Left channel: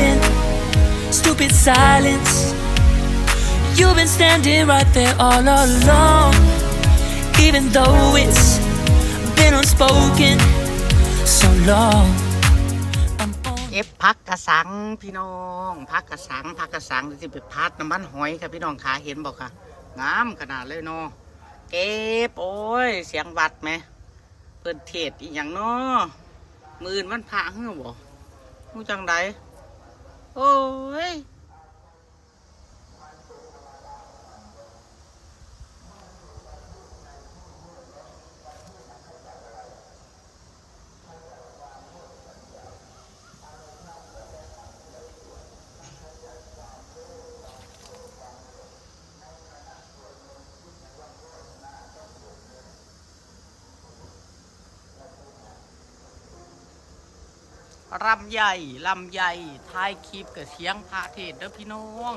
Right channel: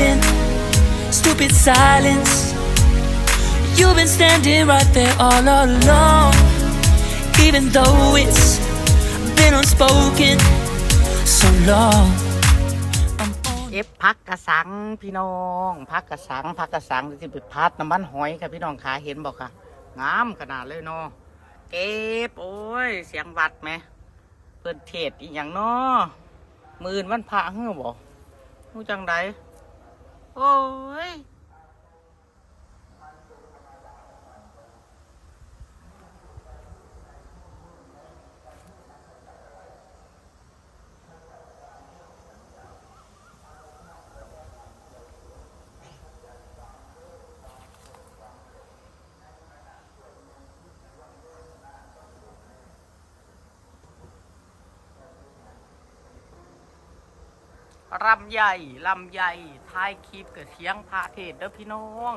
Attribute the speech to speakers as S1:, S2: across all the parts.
S1: been stupid silence. You've been standing right there all along, even though it's been unspoken so long. I'm on
S2: เอฟพักกระสังพี่น้องพักกระสังพักกระสังที่ไปพัดน้ำมันหอยค่ะพี่น้องขาเห็นบอกค่ะงามขนาดเลยเนาะเก็บโอ้ยเสียงวัดไหมเปิดเทศอีกอย่างเนาะมือนวันพระเฮ้อบ่มู้จังได โอ้ย ลำใหญ่ลำใหญ่ท้ายคลิปกับเสียงพระเทศเด้อพี่น้อง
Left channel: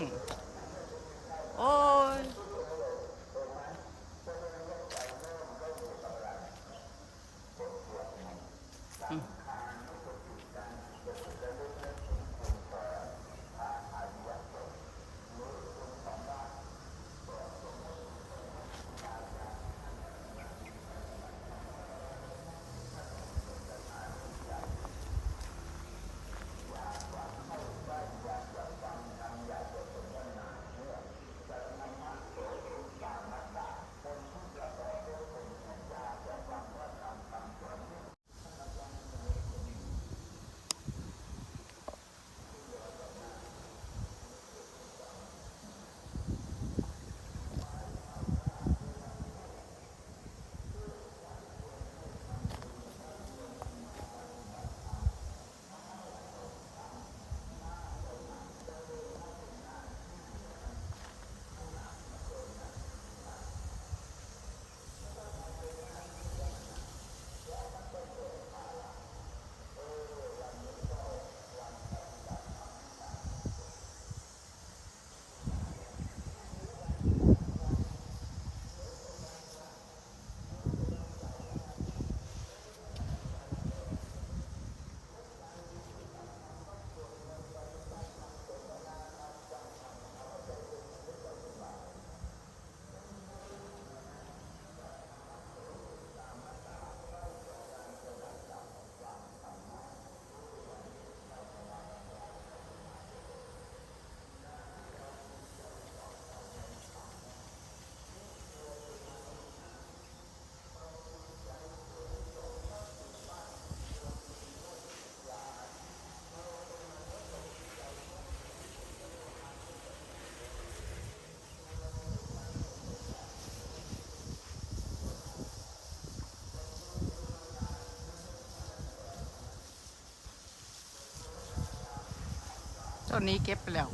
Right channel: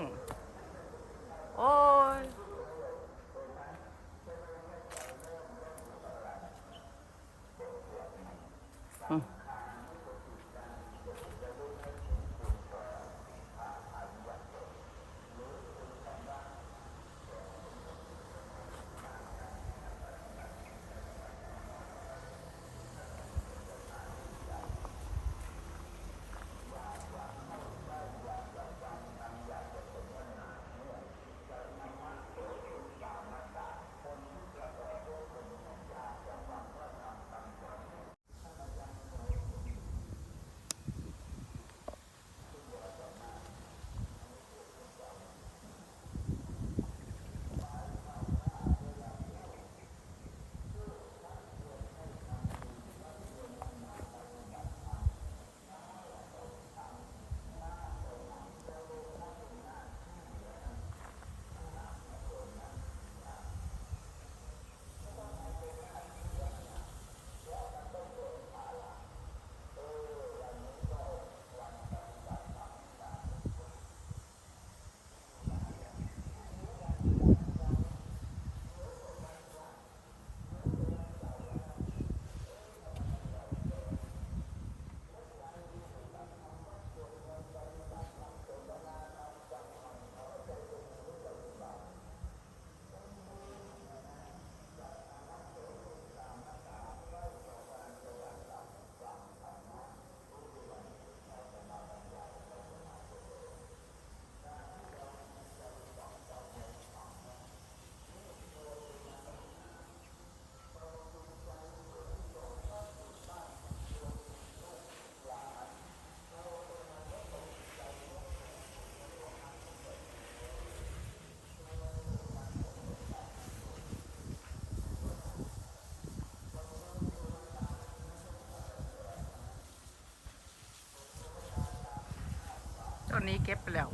S2: ต้นนี้เก็บไปแล้ว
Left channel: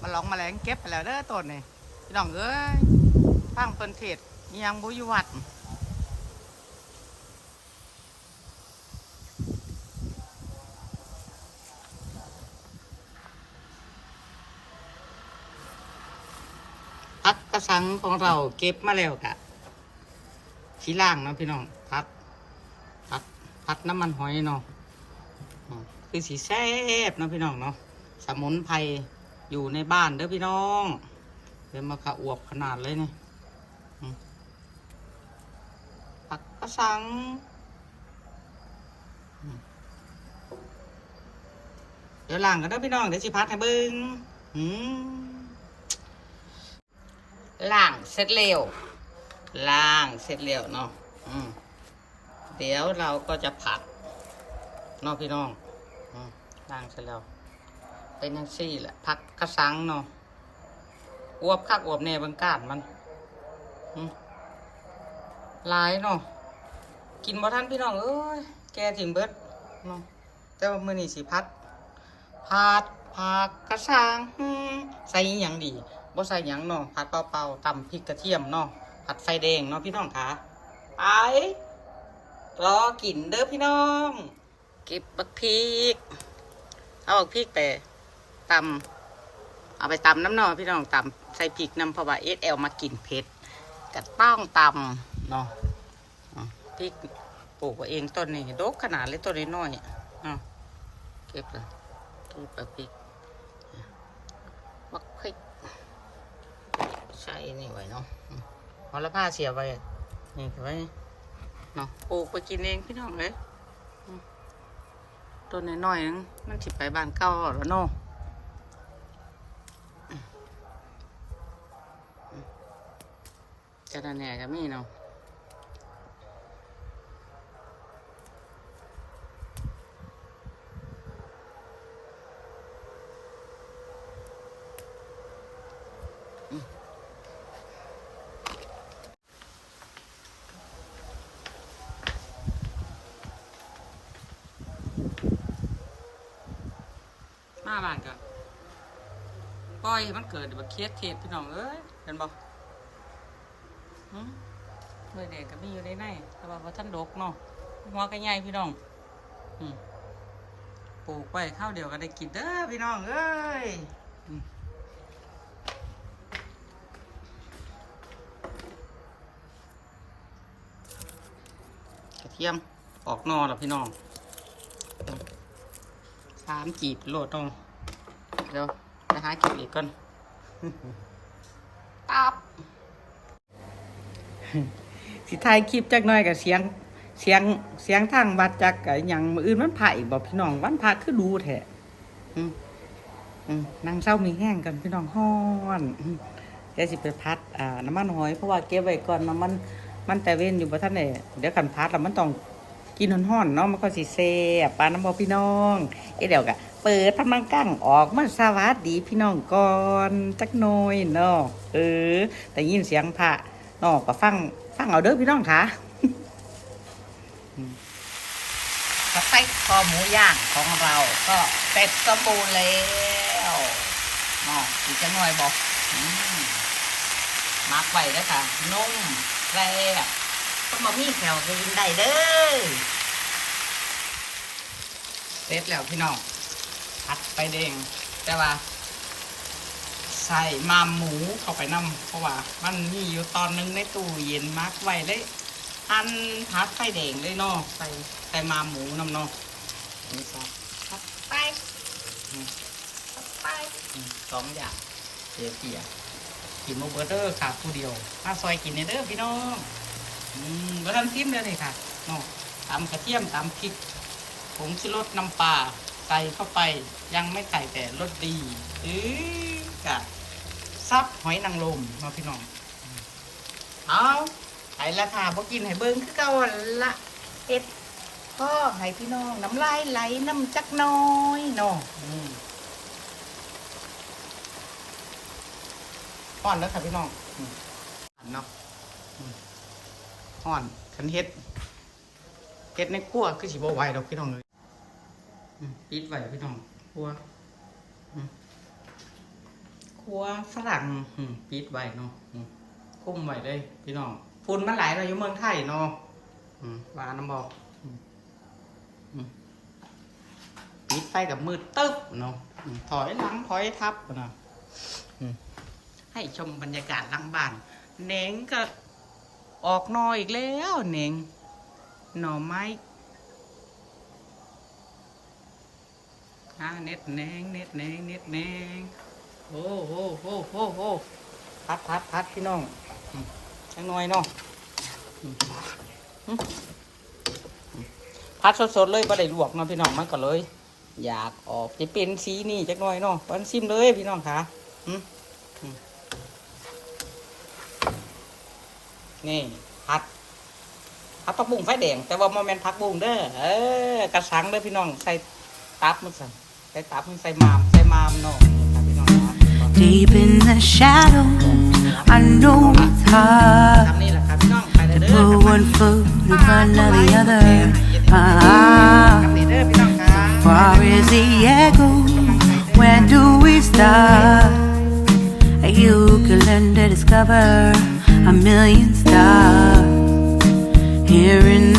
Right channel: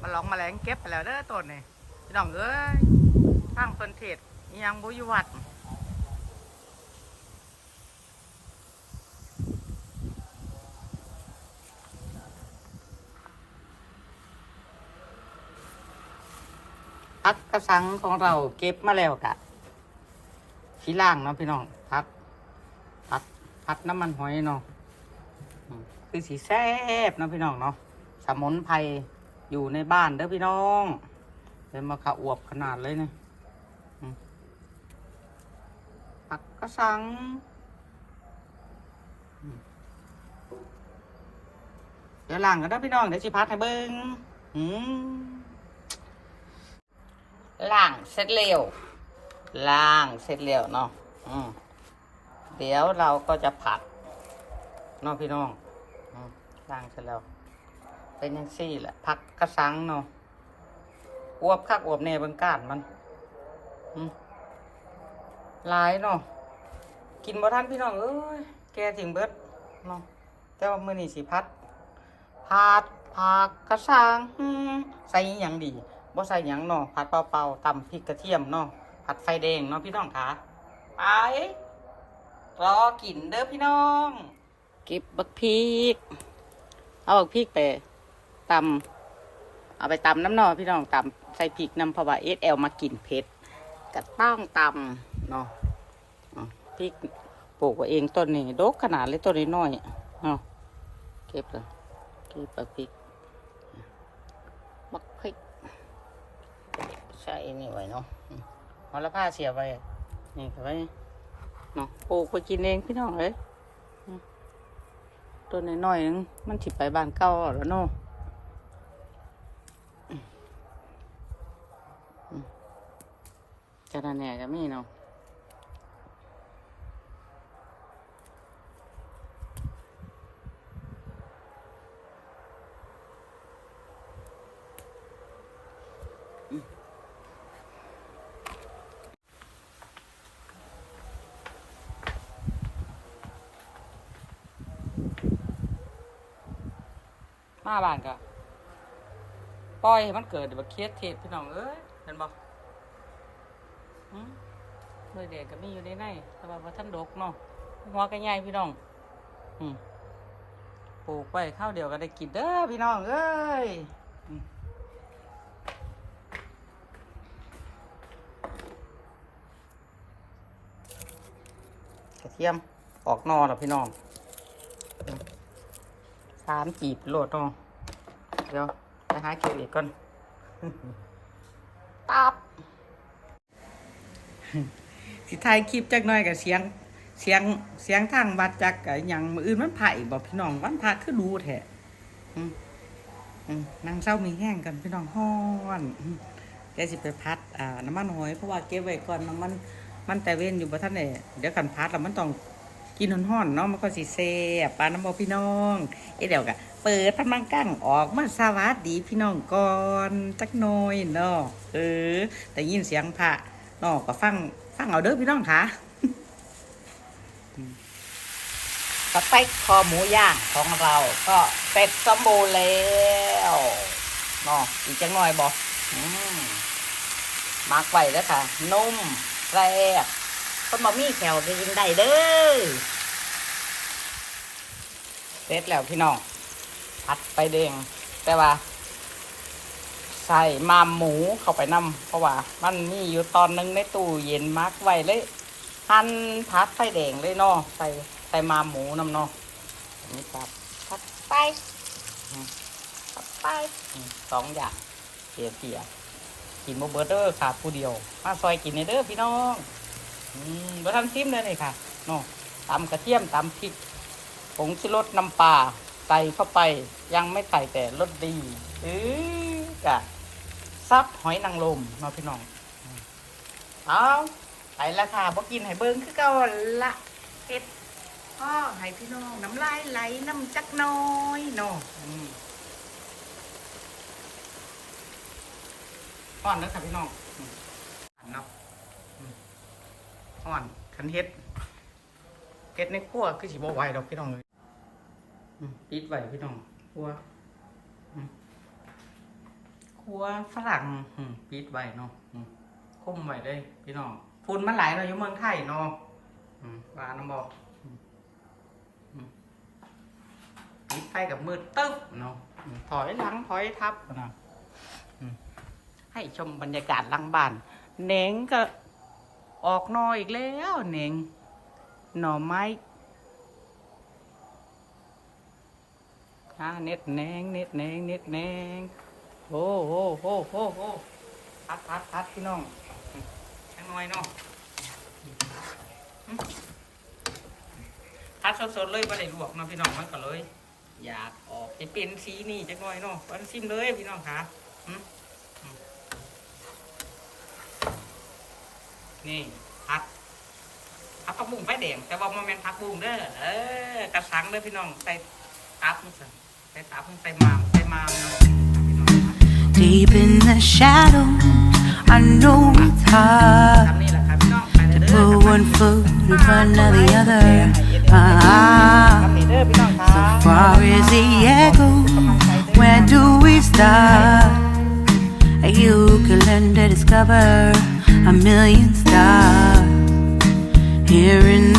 S2: มาลองมาแมลงเก็บไปแล้วเด้อต้นนี่พี่น้องเอ้ยฟังเพิ่นเทศยังบุยวัดพักกระสังของเราเก็บมาแล้วกะขี้ล่างเนาะพี่น้องพัดพัดพัดน้ำมันหอยเนาะอืมคือสีแซ่บเนาะพี่น้องเนาะ สมุนไพรอยู่ในบ้านเด้อพี่น้องเป็นมะขะอวบขนาดเลยเนี่ยผักกระสังเดี๋ยวล้างกันเด้อพี่น้องเดี๋ยวสิพัดให้เบิ้งล้างเสร็จเร็วล้างเสร็จเร็วเนาะอืมเดี๋ยวเราก็จะผัดเนาะพี่น้องล้างเสร็จแล้ว เป็นยังซี่แหละพักกระสังเนาะอวบคักอวบเนบิ่งกานมันหลายเนาะกินบ่ทันพี่น้องเอ้ยแกถึงเบิดเนาะแต่ว่ามือนี้สิพัดผัดผักกระสังใส่อิหยังดีบ่ใส่ยังเนาะผัดเปล่าๆตำพริกกระเทียมเนาะผัดไฟแดงเนาะพี่น้องคะไปรอกินเด้อพี่น้อง เก็บบักพริก เอาบักพริกไป ตำเอาไปตำน้ำนอพี่น้องตำใส่พริกน้ำเพะวาเอสแอลมากินเผ็ดกระต้องตำเนาะพริกปลูกเองต้นนี้ดกขนาดเล็กต้นนี้น้อยเนาะเก็บเลยเก็บไปพริกมักพริกใช่นี่ไว้เนาะเอาละผ้าเสียไปนี่ไว้เนาะปลูกไปกินเองพี่น้องเอ้ยต้นน้อยๆนึงมันถิบไปบานเก้าแล้วเนาะ แหน่ก็มีเนาะมาบ้านก็ปล่อยให้มันเกิดแบบเคสเทศพี่น้องเอ้ยเห็นบ่ หืมหน่วยเด็กก็มีอยู่ในในแต่ว่าบ่ท่านดกเนาะหัวก็ใหญ่พี่น้องอืมปลูกไว้ข้าวเดียวก็ได้กินเด้อพี่น้องเอ้ยกระเทียมออกนอแล้วพี่น้องสามจีบโหลดเนาะเดี๋ยวไปหาเก็บอีกก่อนปับ สิถ่ายคลิปจักหน่อยกับเสียงเสียงเสียงทางวัดจักกับอย่างอื่นมันไผ่บอกพี่น้องวันพระคือดูแท้อืมอืมนางเศร้ามีแห้งกันพี่น้องฮ้อนอืมเดี๋ยวสิไปพัดอ่าน้ำมันหอยเพราะว่าเก็บไว้ก่อนน้ำมันมันแต่เว้นอยู่บ่ท่านเนี่ยเดี๋ยวกันพัดแล้วมันต้องกินห่อนๆเนาะมันก็สิเซ่บปลาน้ำบอพี่น้องเอ้เดี๋ยวกะเปิดพันมังกั้งออกมาสวัสดีพี่น้องก่อนจักหน่อยเนาะเออแต่ยินเสียงพระ นอกก็ฟังฟังเอาเด้อพี่น้องค่ะสเต็กคอหมูย่างของเรา ก็เสร็จสมบูรณ์แล้วเนาะอีกจังหน่อยบอกมักไว้แล้วค่ะนุ่มแซ่บคนบ่มีแถวก็ยิงได้เด้อเสร็จแล้วพี่น้องผัดไปแดงแต่ว่า ใส่มามหมูเข้าไปนํเพราะว่า มันมีอยู่ตอนหนึงในตู้เย็นมักไว้เลยหั่นผัดไฟแดงเลยเนาะใส่ใส่มามหมูนำเนาะนี่สับผัดไปอืมผัดไปอืมสองอย่างเกี่ยวเกี่ยวกินโมเบอร์เดอร์ค่ะผู้เดียว มาซอยกินในเด้อพี่น้องอืมบะทันซิมเลยนี่ค่ะเนาะตำกระเทียมตำพริกผงชูรสน้ำปลาใส่เข้าไปยังไม่ใส่แต่รสดีเอ้ยกะ ซับหอยนางรมเนาะพี่น้องอืมเอาไปละค่ะพอกินให้เบิ้งคือเก่าละเอ็ดพ่อให้พี่น้อง น้ำลายไหลน้ำจักน้อยเนาะอืมป้อนแล้วค่ะพี่น้องอืมเนาะห่อนคันเฮ็ดเฮ็ดในครัวคือสิบ่ไหวดอกพี่น้องเลยปิดไว้พี่น้องครัวอืม ครัวฝรั่งปิดไว้เนาะคุ้มไว้เลยพี่น้องฝุ่นมันหลเนาะอยู่เมืองไทยเนาะว่าน้ำบอกปิดไฟกับมือตึ๊บเนาะถอยหลังถอยทับนะให้ชมบรรยากาศลังบ้านเน่งก็ออกหนออีกแล้วเน่งหน่อไม้อ่าเน็ดแนงเน็ดแนงเน็ดแนง โอ้โหโอ้โหโอ้พัดพัดพัดพี่น้องอืมจังหน่อยเนาะอืมอืมพัดสดๆเลยบ่ได้ลวกเนาะพี่น้องมันก็เลย อยากออกจะเป็นสีนี่จังหน่อยเนาะวันซิมเลยพี่น้องค่ะนี่พัดผักตะบุ้งไฟแดงแต่ว่าโมเมนผักบุ้งเด้อเออกระชังเด้อพี่น้องใส่ตับมันใส่ใส่ตับมันใส่มามใส่มามเนาะพี่น้องครับ
S1: Deep in the shadows, I know it's hard
S2: ทำนี่แหละครับพี่น้องไปเลย
S1: to
S2: เด้อ
S1: put one foot in front of the other. Ah,
S2: ทำนี่เด้อพี่น้องครั
S1: so
S2: บ
S1: far as the echo, where do we start? You can learn to discover a million stars here in the